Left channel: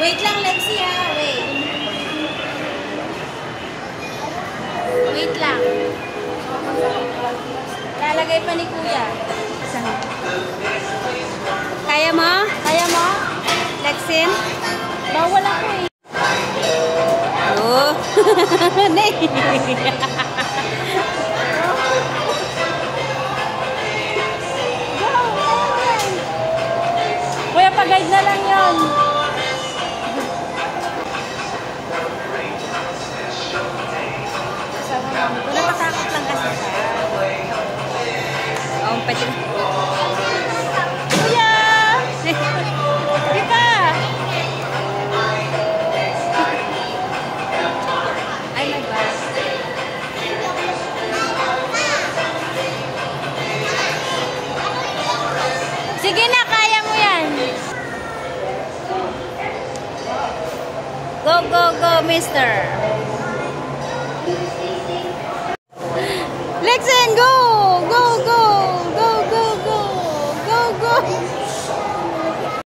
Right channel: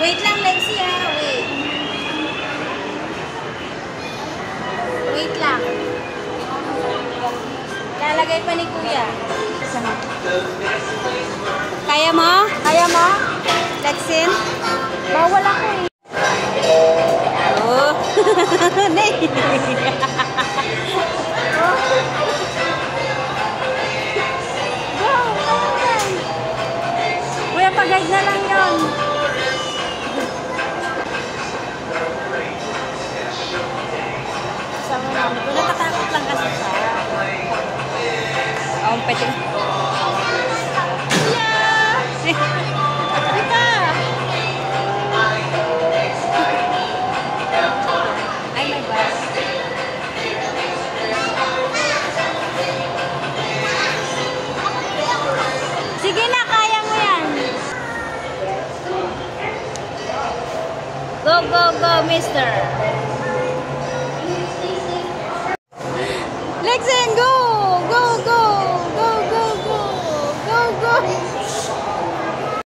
Wait lang, Lexi ha. Wait. Wait lang. Lalagay pa ni Kuya. Kaya mo? Kaya mo? Lexin? Bawal ako eh. Oh. Go, kaya yan. Kuya, pag-guide na lang yun. Sama mami ko. Natatakot lang kasi siya. Oh, pwede na. Kuya! Di ba? Ay, my God. Sige na, kaya mo yan. Go, go, go, mister. Let's go!